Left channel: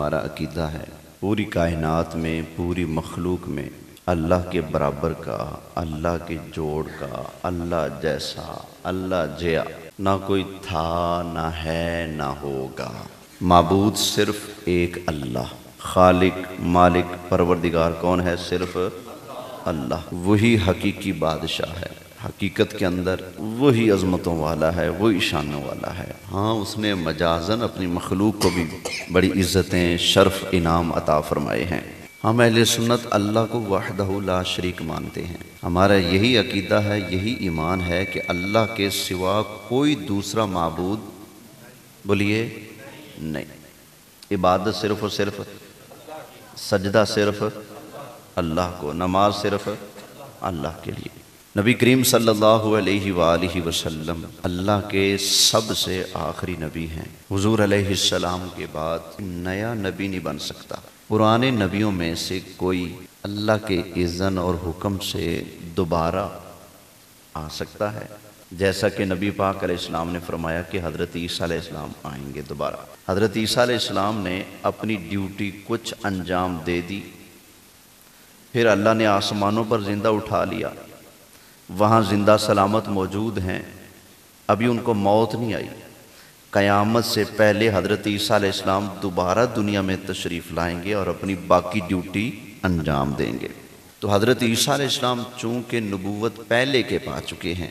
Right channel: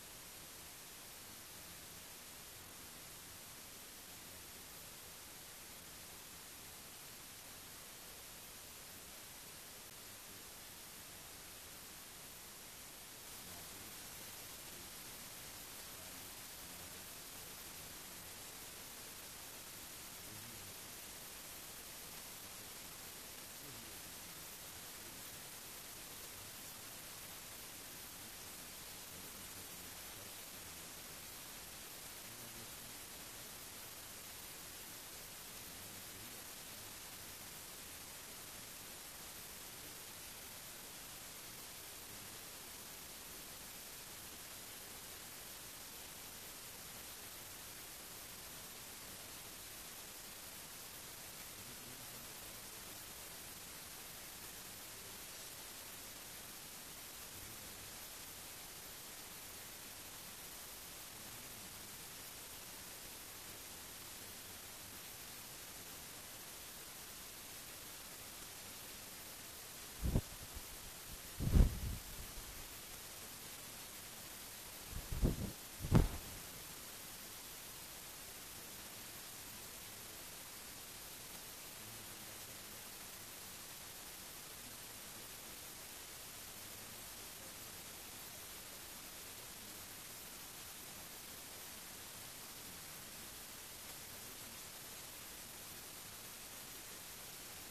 ہمارا عقیدہ ہے پوری کائنات میں، پوری مخلوق میں اللہ کے برابر کا، اللہ کے جوڑ کا، اللہ جیسا، اللہ جیا نہ کوئی تھا، نہ ہے، نہ ہوگا۔ معبود صرف ایک اللہ، خالق، مالک، پروردگار کون ہے؟ صرف اللہ۔ وہی حقیقی بادشاہ ہے، حقیقت کے اندر وہی عظمتوں والا ہے، وہی شانوں والا ہے۔ ہاں، اس نے مجازن اپنی مخلوق کو بھی بڑی عزتیں، شرف، انعام عطا فرمائے ہیں۔ ہم اہل سنت اللہ کو وحدہ لا شریک مانتے ہیں۔ ہمارا یہی عقیدہ ہے، یہی ایمان ہے کہ اللہ کے سوا کوئی دوسرا معبود بولیے نہیں۔ عبادت صرف اور صرف، سجدہ صرف اللہ کو، نماز صرف اللہ کے لیے۔ نبی کریم صلی اللہ علیہ وآلہ وسلم اللہ کے سب سے آخری نبی ہیں۔ حضور علیہ السلام کے بعد نیا نبی نہیں بن سکتا۔ پرانے نبیوں میں سے کوئی اللہ کے اذن اور حکم سے دوبارہ آ سکتا ہے، جیسا کہ نبی پاک علیہ السلام نے فرمایا کہ حضرت عیسیٰ علیہ السلام آئیں گے دوبارہ۔ حضرت عیسیٰ علیہ السلام نے اپنی ڈیوٹی کچھ انجام دے دی، پھر اللہ نے آسمانوں پر زندہ اٹھا لیا، وہاں زندہ سلامت موجود ہیں، ابھی ان کو موت نہیں آئی۔ قیامت سے پہلے حضرت عیسیٰ علیہ السلام دوبارہ دنیا میں تشریف لائیں گے اور اپنی باقی ڈیوٹی انجام دیں گے۔ تو حضرت عیسیٰ علیہ السلام چونکہ نبوت پہلے کے پا چکے ہیں،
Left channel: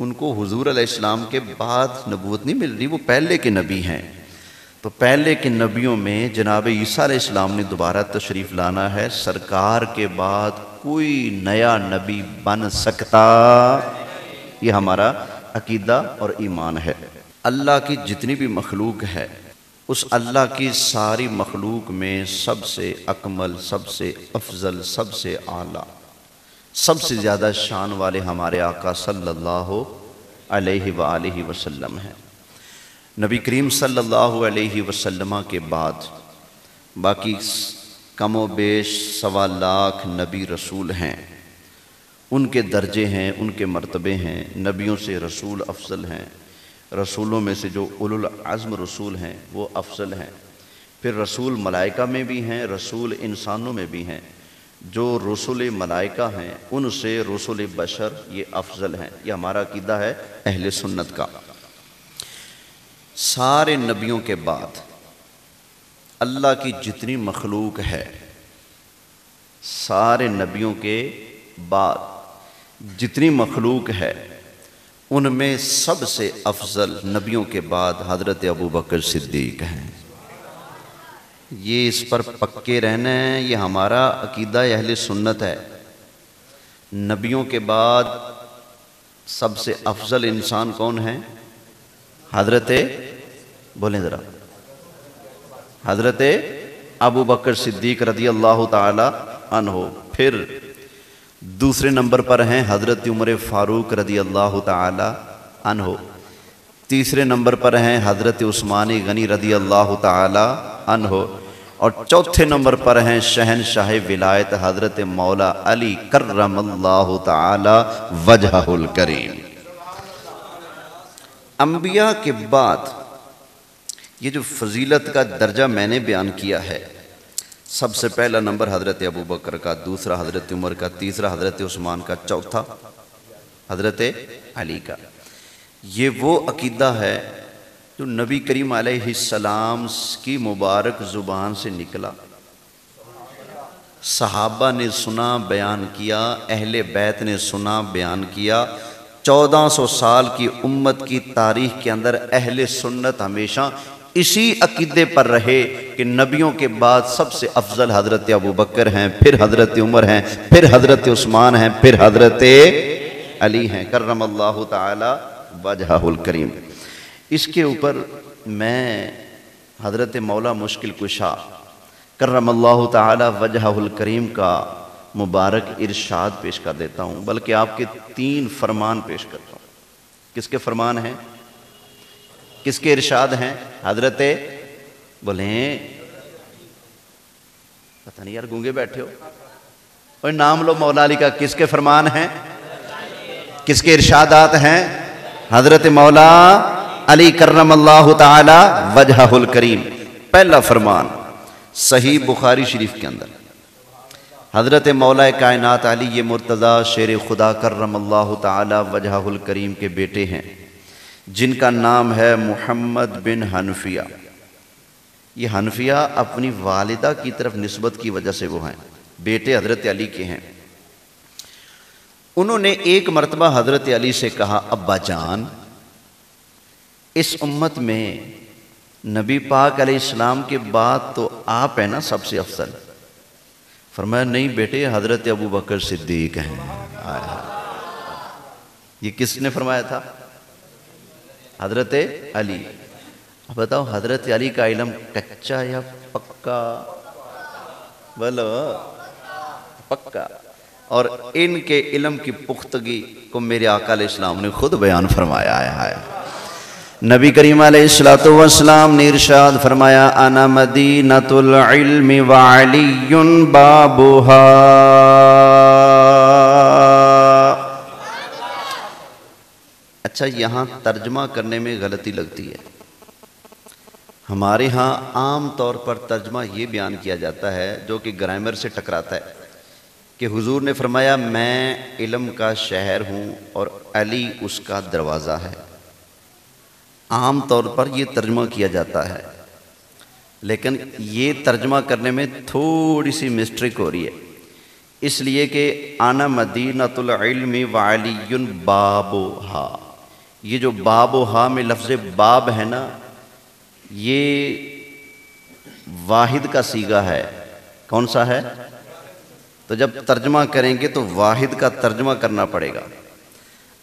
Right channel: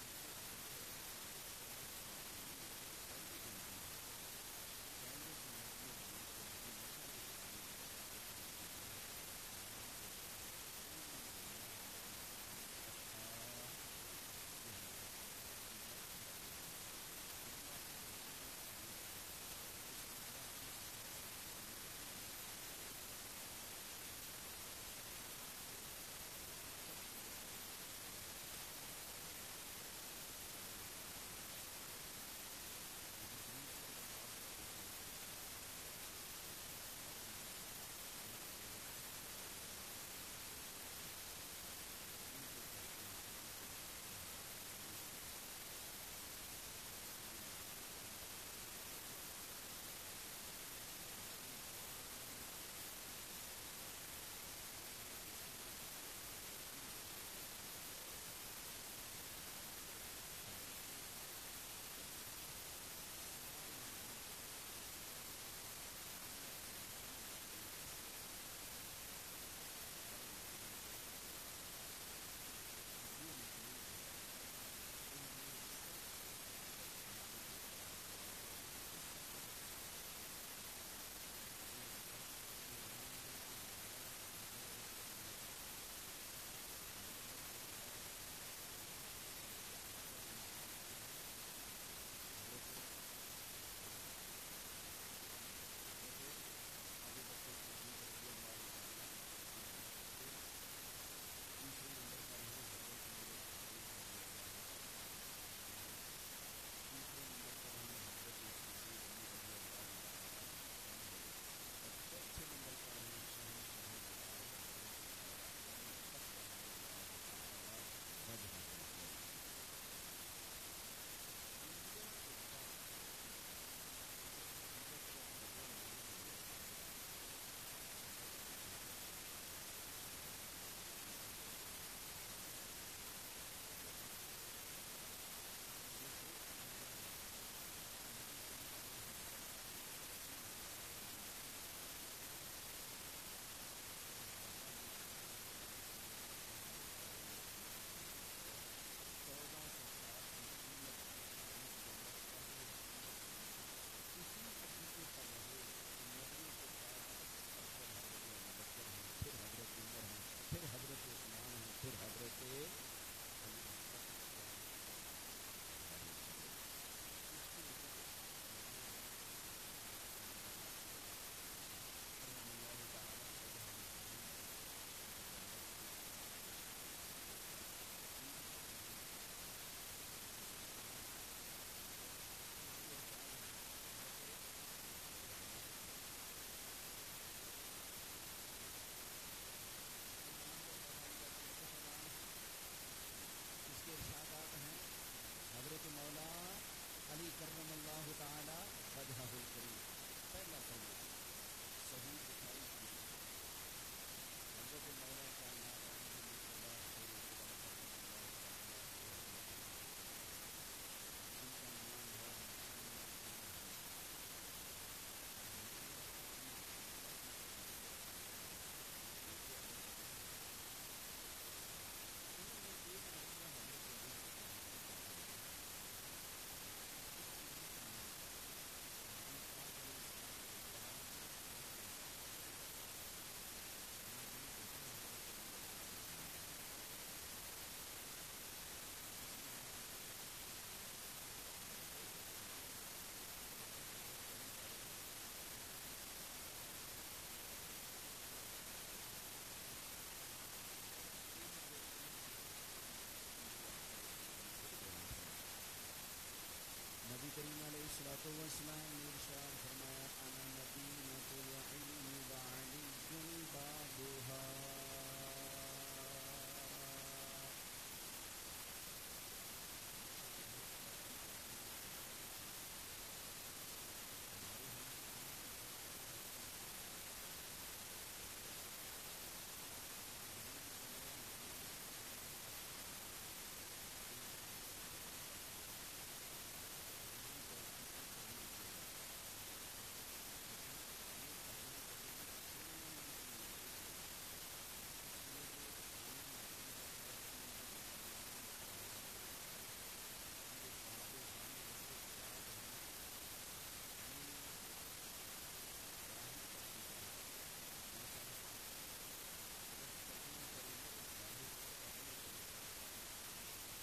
ان کو حضور علیہ السلام کے بعد نبوت نہیں مل رہی، وہ پہلے کے نبی ہیں۔ تو پہلے کے نبیوں میں جناب عیسیٰ علیہ السلام نے دوبارہ تشریف لانا ہے، سرکار کے بعد کوئی نیا نبی بن سکتا، یہ ہمارا عقیدہ اور ایمان ہے۔ اللہ کی جتنی بھی مخلوق ہے، اس اللہ کی ساری مخلوق میں سب سے اکمل، سب سے افضل، سب سے اعلیٰ، سب سے زیادہ شان والے ہمارے آقا صلی اللہ علیہ وآلہ وسلم ہیں۔ نبی کریم صلی اللہ علیہ وسلم کے بعد باقی کم و بیش 1.25 لاکھ نبی رسول ہیں، ان کے درجے ہیں، ان کے مرتبے ہیں، نبیوں سے رسول افضل ہیں، رسولوں میں سے جو اولو العزم رسول ہیں وہ افضل ہیں، پھر رسول ملائکہ میں بھی ہیں، رسول انسانوں میں بھی ہیں، جو رسول ملائکہ ہیں ان سے رسول بشر یہ افضل ہیں۔ یہ ہمارا عقیدہ ہے اہل سنت کا۔ سارے نبیوں کے بعد اللہ کی جتنی مخلوق ہے، سارے نبیوں کے بعد جتنی مخلوق ہے، ان میں سب سے افضل نبیوں کے بعد حضرت ابوبکر صدیق ہیں۔ یہ اس پر پکے رہنا ہے، یہ ہمارا عقیدہ اہل سنت ہے۔ نبیوں کے بعد سب سے افضل انسان کون ہے؟ حضرت، بولیں ذرا، حضرت ابوبکر صدیق رضی اللہ تعالی عنہ۔ پھر دوسرے نمبر پر ہیں حضرت عمر فاروق رضی اللہ تعالی عنہ۔ تیسرے نمبر پر ہیں حضرت عثمان غنی رضی اللہ تعالی عنہ، اور چوتھے نمبر پر ہیں شہنشاہ ولایت حضرت مولا علی کرم اللہ تعالی وجہہ الکریم۔ انبیاء کے بعد یہ جو فضیلت کا درجہ میں نے بیان کیا ہے، سب سے پہلا نمبر حضرت ابوبکر کا، دوسرا حضرت عمر کا، تیسرا حضرت عثمان کا، چوتھا حضرت علی کا۔ یہ وہ عقیدہ ہے جو نبی کریم علیہ السلام کی مبارک زبان سے نکلا، صحابہ نے سنا، بیان کیا، اہل بیت نے سنا، بیان کیا۔ 1400 سال کی امت کی تاریخ کے اندر اہل سنت ہمیشہ اسی عقیدے پر رہے کہ نبیوں کے بعد سب سے افضل حضرت ابوبکر ہیں، پھر حضرت عمر ہیں، پھر حضرت عثمان ہیں، پھر حضرت علی ہیں کرم اللہ تعالی وجہہ الکریم۔ اس کے اوپر میں حضرت مولا مشکل کشا کرم اللہ تعالی وجہہ الکریم کا مبارک ارشاد پیش کر دیتا ہوں، بلکہ آپ کے 3 فرمان پیش کرتا ہوں۔ کس کے فرمان ہیں؟ کس کے ارشاد ہیں؟ حضرت، بولیں، پتہ نہیں یار گونگے بیٹھے ہو، اور نام لو مولا علی کا۔ کس کے فرمان ہیں؟ کس کے ارشادات ہیں؟ حضرت مولا علی کرم اللہ تعالی وجہہ الکریم۔ پہلا فرمان، صحیح بخاری شریف کے اندر حضرت مولا کائنات علی مرتضیٰ شیر خدا کرم اللہ تعالی وجہہ الکریم کے بیٹے ہیں، جن کا نام ہے محمد بن حنفیہ۔ یہ حنفیہ اپنی والدہ کی طرف نسبت کی وجہ سے وہ ہیں، بیٹے حضرت علی کے ہیں۔ انہوں نے ایک مرتبہ حضرت علی سے کہا، ابا جان، اس امت میں نبی پاک علیہ السلام کے بعد تو آپ ہیں نا سب سے افضل؟ فرمایا نہیں بیٹے، حضرت ابو بکر صدیق ہیں۔ یہ کس نے فرمایا تھا؟ حضرت علی۔ اب بتاؤ حضرت علی کا علم کچا یا پکا؟ بولو پکا۔ اور ان کے علم کی پختگی کو میرے آقا علیہ السلام نے خود بیان فرمایا ہے۔ نبی کریم علیہ السلام نے ارشاد فرمایا، انا مدینۃ العلم وعلی بابھا۔ اچھا، یہاں ترجمہ کرنے میں غلطی لگتی ہے۔ ہمارے ہاں عام طور پر ترجمہ یہ بیان کیا جاتا ہے جو کہ گرامر سے ٹکراتا ہے کہ حضور نے فرمایا میں علم کا شہر ہوں اور علی اس کا دروازہ ہے۔ عام طور پر یہ ترجمہ کیا جاتا ہے، لیکن یہ ترجمہ کرنے میں تھوڑی سی مسٹیک ہو رہی ہے، اس لیے کہ انا مدینۃ العلم وعلی بابھا، یہ جو بابھا میں لفظ باب ہے نا، یہ واحد کا صیغہ ہے۔ کون سا ہے؟ تو جب ترجمہ کریں گے تو واحد کا ترجمہ کرنا پڑے گا۔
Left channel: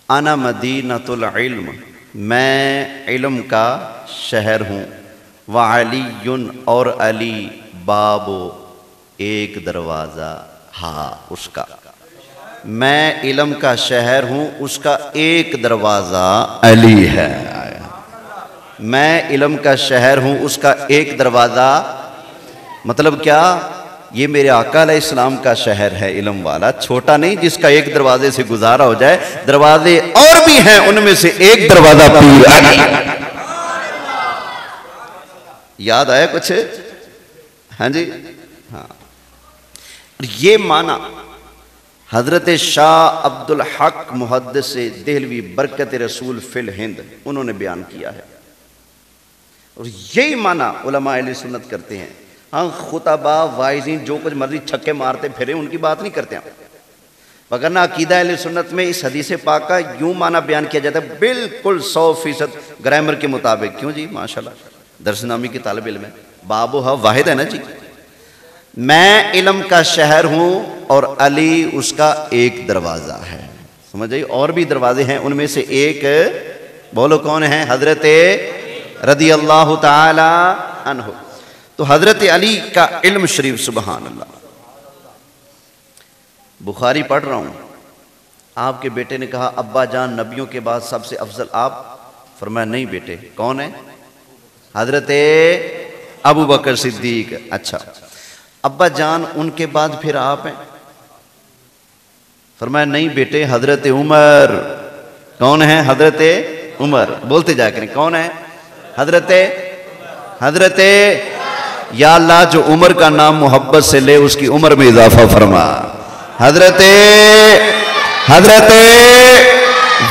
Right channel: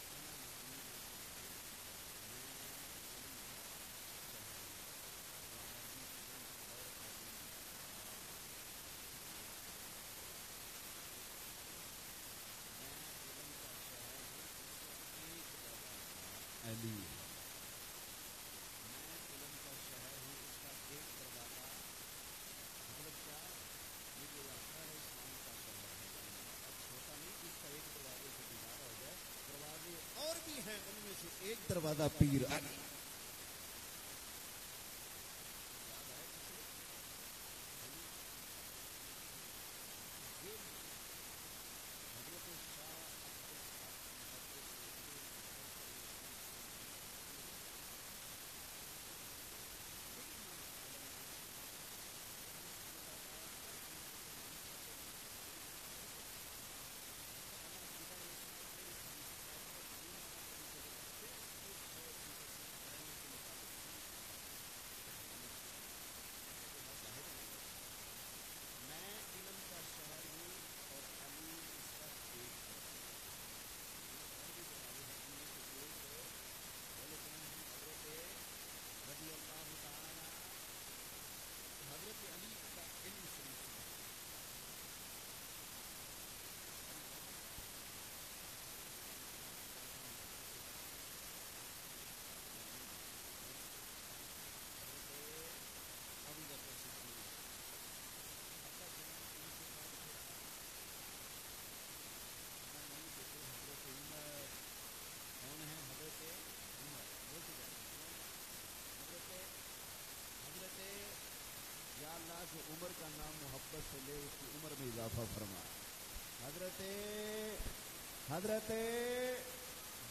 انا مدینۃ العلم، میں علم کا شہر ہوں، وعلی اور علی، باب ایک دروازہ، ہاں اس کا، میں علم کا شہر ہوں، اس کا ایک دروازہ علی ہے۔ میں علم کا شہر ہوں، اس کا ایک دروازہ، مطلب کیا؟ یہ میرے آقا علیہ السلام کا شہر ہے علم والا، چھوٹا نہیں جس کا ایک دروازے سے گزارا ہو جائے، دروازے اور بھی ہیں، ان میں سے ایک دروازہ پیر علی۔ یاد آیا کچھ؟ ہاں جی، ہاں۔ یہ معنی حضرت شاہ عبد الحق محدث دہلوی برکت رسول فی الہند انہوں نے بیان کیا ہے، اور یہی معنی علماء اہل سنت کرتے ہیں۔ ہاں خطبہ وائزین جو کچھ مرضی چھکے مارتے پھرے ان کی بات نہیں کرتے ہیں، وگرنہ عقیدہ اہل سنت میں اس حدیث پاک کا یوں معنی بیان کیا جاتا ہے بالکل 100% گرامر کے مطابق۔ کیوں جی؟ ماشاءاللہ درس نامی کے طالب علم ہے، بابھا واحد ہے نا جی۔ میں علم کا شہر ہوں اور علی اس کا ایک دروازہ ہے، سمجھ آئی؟ اور بھی دروازے ہیں، ان میں سے ایک بولو کون ہے؟ حضرت رضی اللہ تعالی عنہ۔ تو حضرت علی کا علم شریف، سبحان اللہ۔ بخاری پڑھ رہا ہوں، آپ کے بیٹے نے کہا ابا جان نبیوں کے بعد سب سے افضل آپ؟ فرمایا نہیں بیٹے، کون ہے؟ حضرت ابو بکر صدیق۔ اچھا ابا جان ان کے بعد پھر آپ ہیں؟ فرمایا نہیں بیٹے، حضرت عمر۔ کون ہے؟ حضرت عمر۔ بولتے جا کریں، کون ہے؟ حضرت یا اللہ جو عمر کا نام محبت سے لے اس کی عمر میں اضافہ فرما۔ حضرت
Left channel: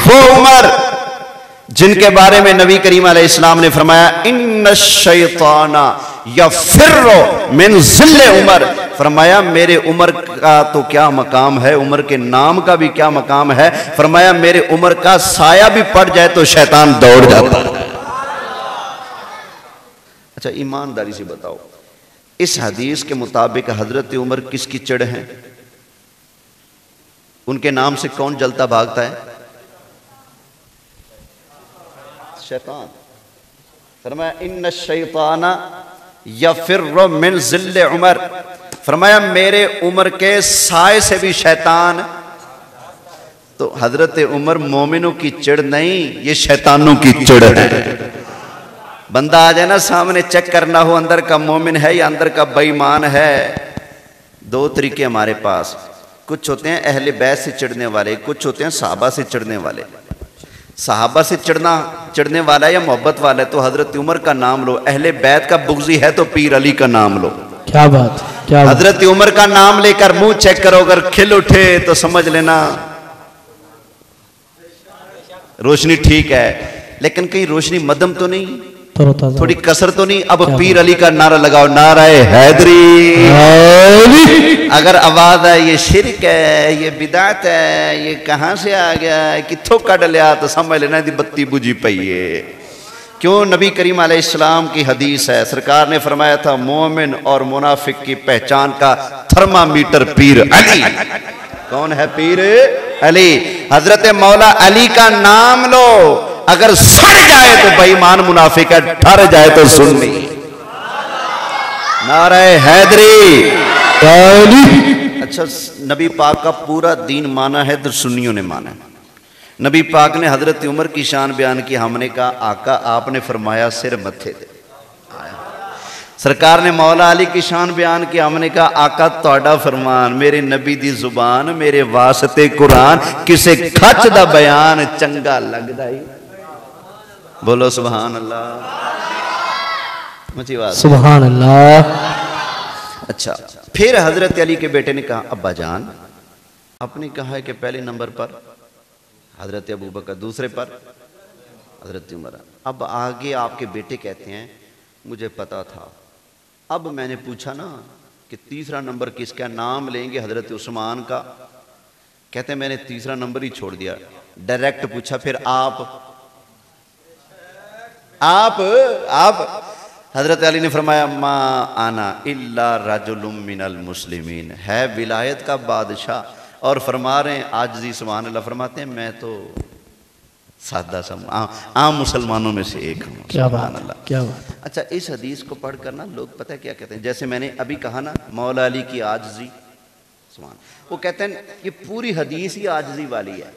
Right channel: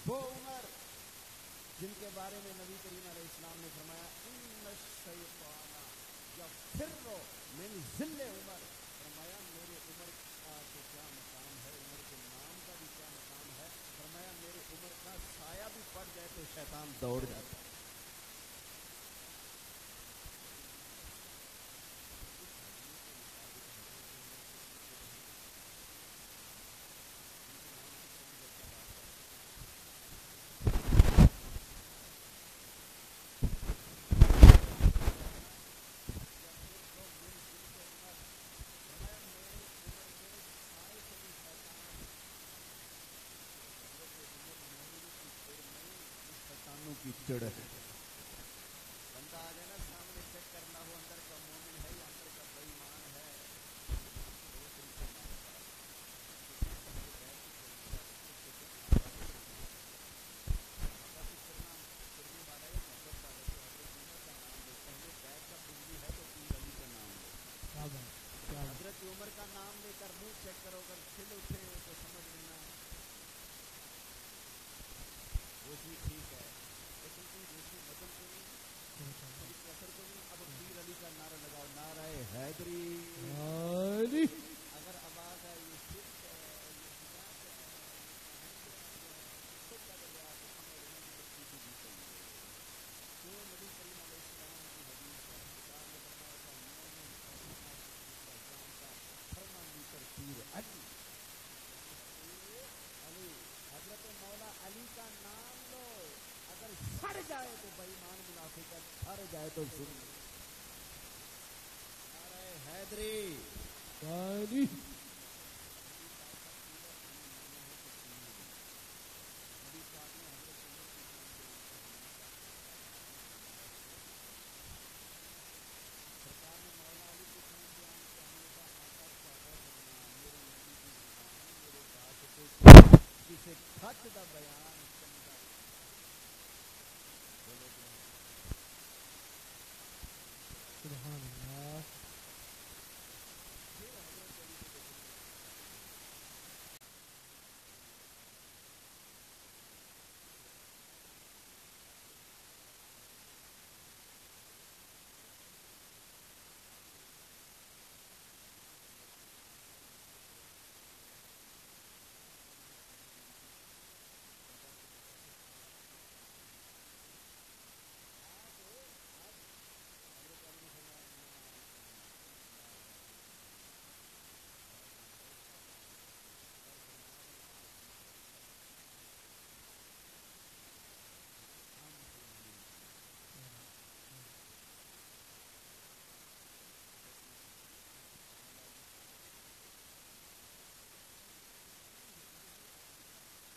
وہ عمر جن کے بارے میں نبی کریم علیہ السلام نے فرمایا ان الشیطان یفر من ظل عمر، فرمایا میرے عمر کا تو کیا مقام ہے، عمر کے نام کا بھی کیا مقام ہے، فرمایا میرے عمر کا سایہ بھی پڑ جائے تو شیطان دوڑ جاتا ہے۔ اچھا ایمانداری سے بتاؤ، اس حدیث کے مطابق حضرت عمر کس کی چڑ ہیں؟ ان کے نام سے کون جلتا بھاگتا ہے؟ شیطان۔ فرمایا ان الشیطان یفر من ظل عمر، فرمایا میرے عمر کے سائے سے بھی شیطان۔ تو حضرت عمر مومنوں کی چڑ نہیں، یہ شیطانوں کی چڑ ہے۔ بندہ آ جائے نا سامنے، چیک کرنا ہو اندر کا مومن ہے یا اندر کا بے ایمان ہے۔ دو طریقے ہمارے پاس، کچھ ہوتے ہیں اہل بیت سے چڑھنے والے، کچھ ہوتے ہیں صحابہ سے چڑھنے والے۔ صحابہ سے چڑھنے والا یا محبت والا ہے تو حضرت عمر کا نام لو، اہل بیت کا بغضی ہے تو پیر علی کا نام لو۔ کیا بات، کیا بات. حضرت عمر کا نام لے کر منہ چیک کرو، اگر کھل اٹھے تو سمجھ لینا روشنی ٹھیک ہے، لیکن کہیں روشنی مدم تو نہیں، تھوڑی کسر تو نہیں. اب پیر علی کا نعرہ لگاؤ، نعرہ حیدری. اگر آواز ہے یہ شرک ہے، یہ بدعت ہے، یہ کہاں سے آ گیا ہے، کتھوں کڈ لیا، تو سمجھ لینا دی بتی بجھی پئی ہے. کیوں؟ نبی کریم علیہ السلام کی حدیث ہے، سرکار نے فرمایا تھا مومن اور منافق کی پہچان کا تھرمامیٹر پیر علی. کون ہے پیر علی؟ حضرت مولا علی کا نام لو، اگر سڑ جائے تو بے ایمان منافق ہے، ٹھر جائے تو سنی. نعرہ حیدری. اچھا، نبی پاک کا پورا دین مانا ہے تو سنیوں نے مانا ہے. نبی پاک نے حضرت عمر کی شان بیان کی، ہم نے کہا آقا آپ نے فرمایا سر متھے دے. سرکار نے مولا علی کی شان بیان کی، ہم نے کہا آقا تہاڈا فرمان، میرے نبی دی زبان، میرے واسطے قرآن، کسے کھچ دا بیان چنگا لگدا ہی. بولو سبحان اللہ. مجھے بات سبحان اللہ. اچھا، پھر حضرت علی کے بیٹے نے کہا ابا جان، آپ نے کہا ہے کہ پہلے نمبر پر حضرت ابوبکر، دوسرے پر حضرت عمر. اب آگے آپ کے بیٹے کہتے ہیں مجھے پتا تھا، اب میں نے پوچھا نا کہ تیسرا نمبر کس کا، نام لیں گے حضرت عثمان کا. کہتے ہیں میں نے تیسرا نمبر ہی چھوڑ دیا، ڈائریکٹ پوچھا پھر آپ. حضرت علی نے فرمایا ما انا الا رجل من المسلمین، ہے ولایت کا بادشاہ اور فرما رہے ہیں عاجزی. سبحان اللہ. فرماتے ہیں میں تو سادہ سا عام مسلمانوں میں سے ایک ہوں. سبحان اللہ. کیا بات. اچھا، اس حدیث کو پڑھ کر نا لوگ پتہ کیا کہتے ہیں، جیسے میں نے ابھی کہا نا مولا علی کی عاجزی، سبحان، وہ کہتے ہیں یہ پوری حدیث ہی عاجزی والی ہے.